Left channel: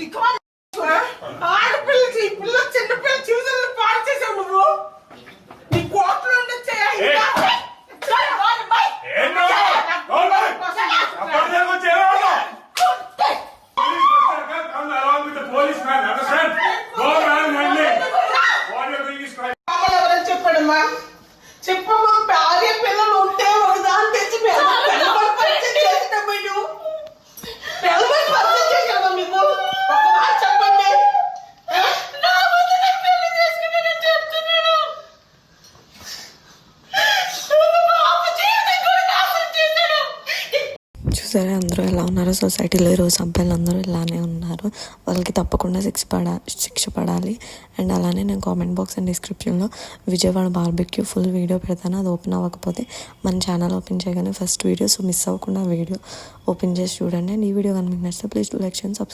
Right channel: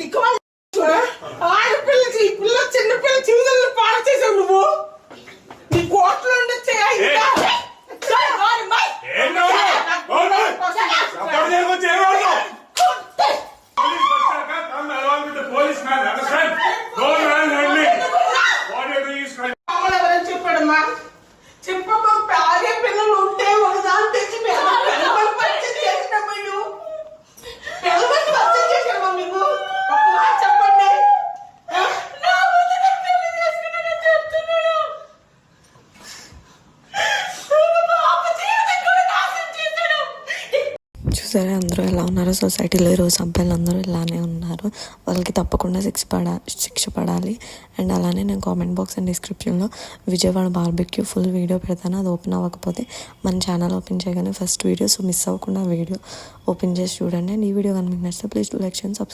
దిక్కుమాలి ఆడపిల్ల పిల్ల చిన్న పిల్ల జీవితాలను పాడు చేసావు నువ్వు. నీ కోట్లు ఉండొచ్చే చెప్పాడమ్మా. చెప్పమ్మా, భార్య పిల్లలు ఉంటే వాడు దాన్ని తెచ్చి చూసారా అందరూ ఎలా ఉన్నారో. సొసైటీలో ఈరోజు అబ్బాయిలు అందరూ ఇలానే ఉన్నారు. వాళ్ళకి తప్పకుండా శిక్ష పడాలి. అండ్ అలానే నేను కామెంట్ బాక్స్ అండ్ డిస్క్రిప్షన్లో విజయవాడ బార్బెక్యూ ఫుల్ వీడియో పెడతాను. అది ఓపెన్ అవ్వకపోతే మన ఛానల్ ఓపెన్ చేయగానే ఫస్ట్ వీడియో, సో మిస్ అవ్వకుండా వీడియో ఓపెన్ చేసి చూడండి. అండ్ ఈ వీడియో కనుక మీకు నచ్చితే please do like and subscribe.